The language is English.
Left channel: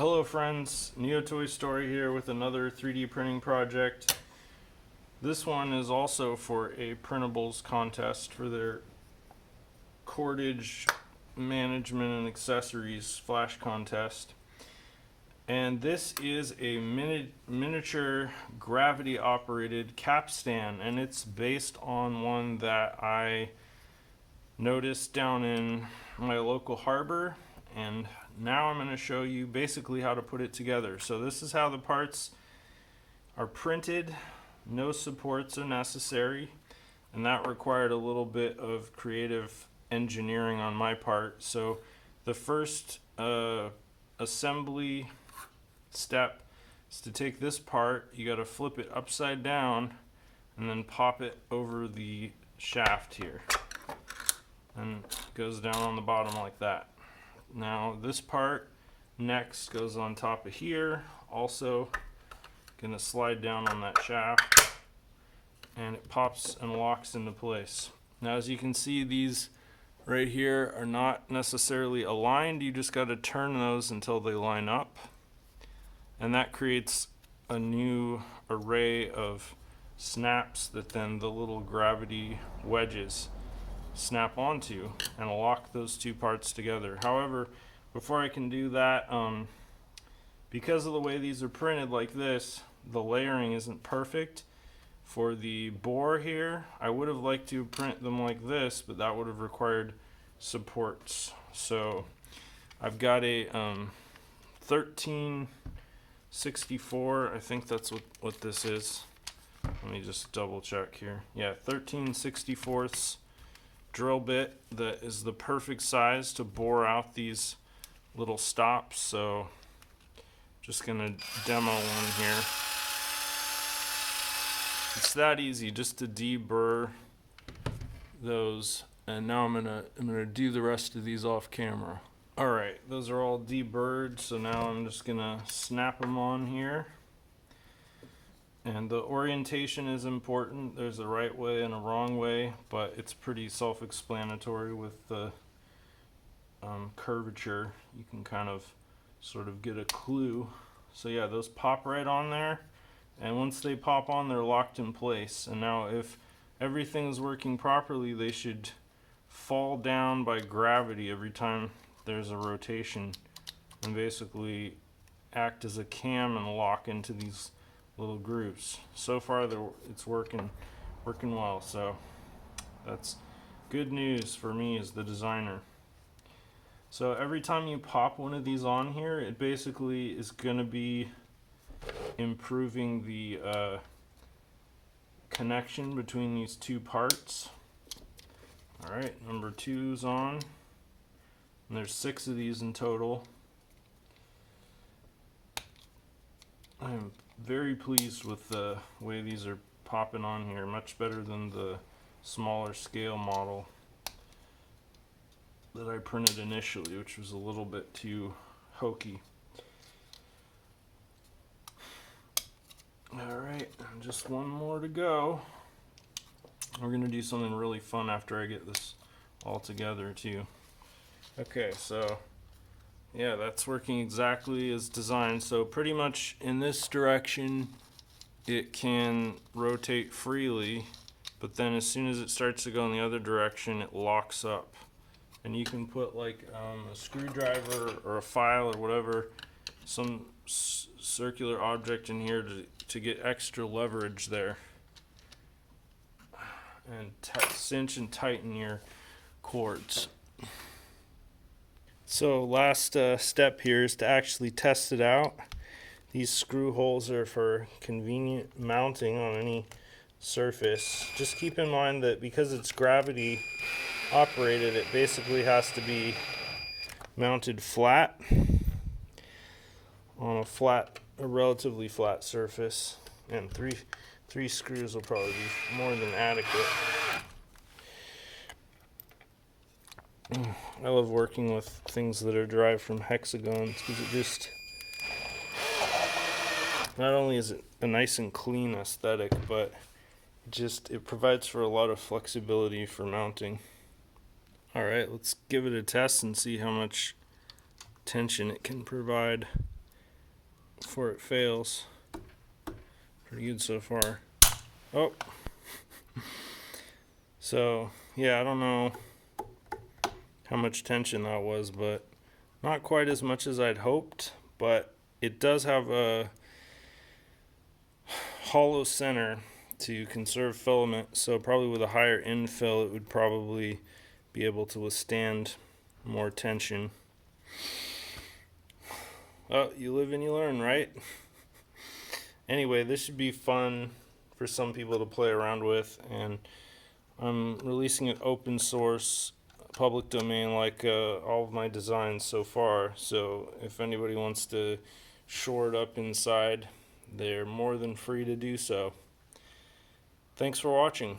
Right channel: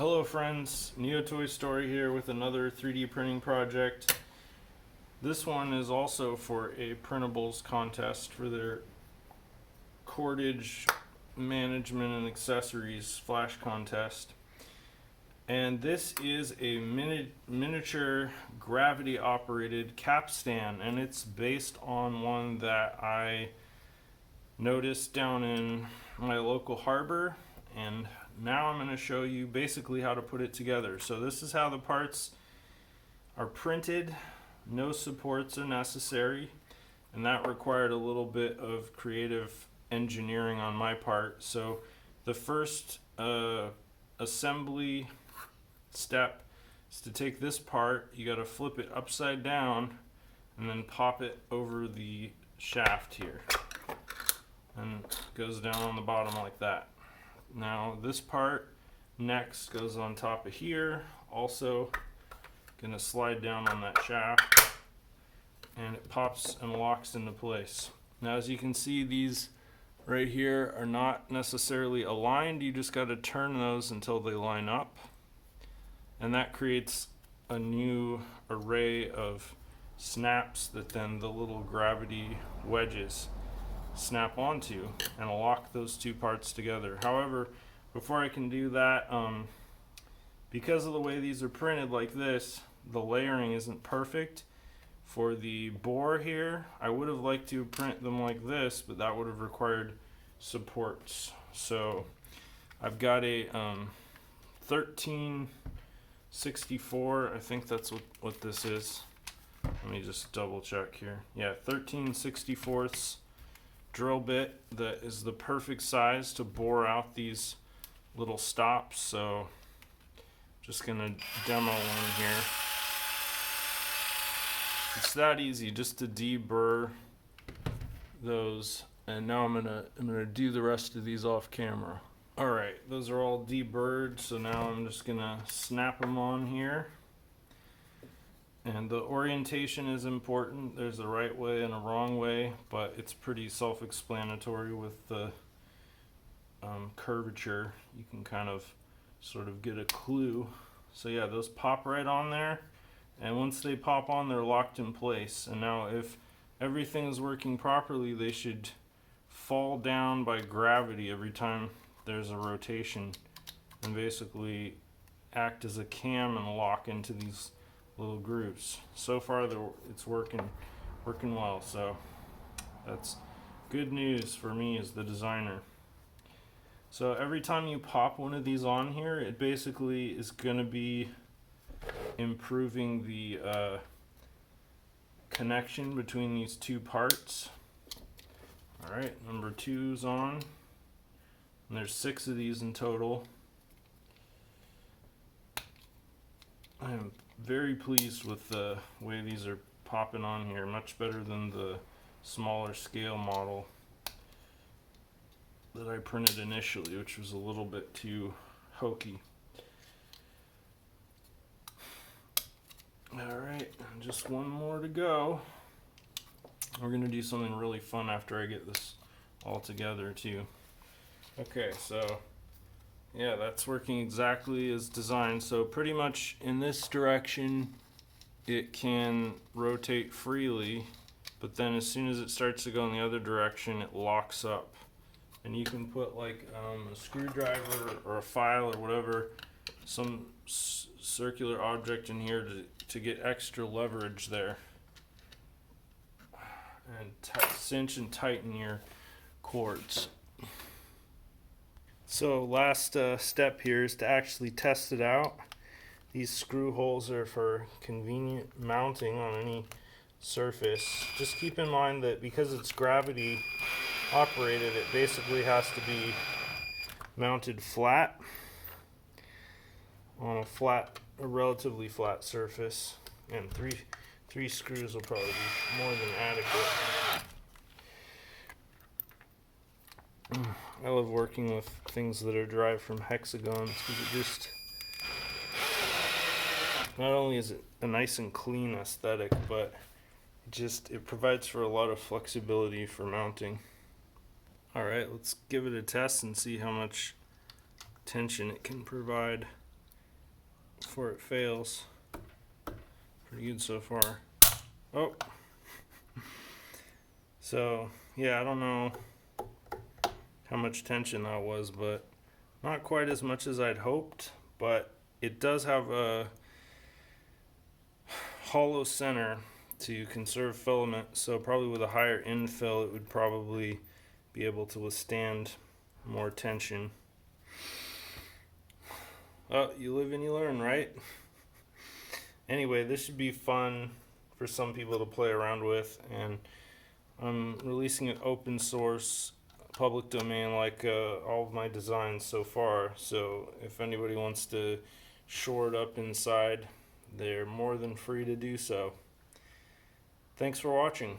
Hello friends, Neo Toy Story here with another 3D printing project. This one is also for a printables contest for their cordage management and accessories flash contest. And this is a miniature gravity operated capstan, and it's based on one that I noticed down in my local harbor, and now I'm going to show you basically how to put it together. So this is how the parts are printed. No supports are necessary, and that required a little bit of creative engineering on my part. So the first assembly step is to take this part, you got to flip it upside down and then pop it over the shaft here, and it goes down on the bottom like that. Now this part next goes on top of here, also gonna slide down on that shaft, and it pops and locks into place. Now as you can see, these right here are not necessarily aligned. You just got to turn those until they line up, and that creates a new array of snaps that then the little gravity wedges snap onto and lock those two parts together. However, before I can do that, because of the way these are printed like this, the layering isn't perfect. For the bore here, I would have liked to print them like this, but that would have required supports. So I've got a 1364, I think that's what this is. Let me just double check here. Yeah, 13/64 drill bit that is the perfect size to bore out these little stops. So just gonna demo one here. It's that easy just to deburr those, and now I'm gonna do the rest of these off camera. Alright, those are all deburred, so now I'm just gonna snap them on here. And the orientation is important. There's a right way and a wrong way, but it's pretty self-explanatory with the curvature. You can kind of sort of get a clue. So yeah, those pop right on there, and once they pop on, they're locked in place. And now if everything's working properly, they should fall down by gravity every time there's a rotation, and basically act as a cam and lock into these little grooves. So far it's working well, so that's good news for me as the designer. So every time you pop one of these on here, it basically is going to be improving the connection between these two parts. Alright, number 2's on, and there's 6 of these in total. I am very pleased with the way these are popping on here, much better than the smaller scale model that I printed initially, which was a little bit too hokey. Alright, just one more to go. We're going to do something really fun after I get this all together too. Okay, so yeah, that's working exactly as designed. So pretty much in this direction it can rotate freely, but then as soon as it starts to go in the other direction, it locks up. And you can put like a screwdriver or a file or whatever, some circular object in here to get extra leverage there, and cinch and tighten your cords. So last step here is to actually test it out. These screw holes are for convenient mounting on any surface. Just keep in mind that because it's gravity operated, it basically has to be mounted flat on a relatively flat surface, and three screws will probably be more than adequate. I love working with things that are derived from hexagons because it just, not only is it a nice and clean aesthetic, but it provides for a lot of flexibility for mounting. Alright, let's give it a test and see how much tension it can provide. before it fails. Pretty good so far. Oh. So, yeah, I don't know how much tension that was, but not quite as much as I'd hoped. But it does have a hollow center to conserve filament, so probably with a higher infill it would probably be able to withstand more tension. Oh, you live and you learn, right? Anyway, this should be fun for some people to play around with, and I'm releasing it open source, public domain, like all of my designs so far. So if anybody wants to shore it up inside, they're more than free to do so. Thanks for watching.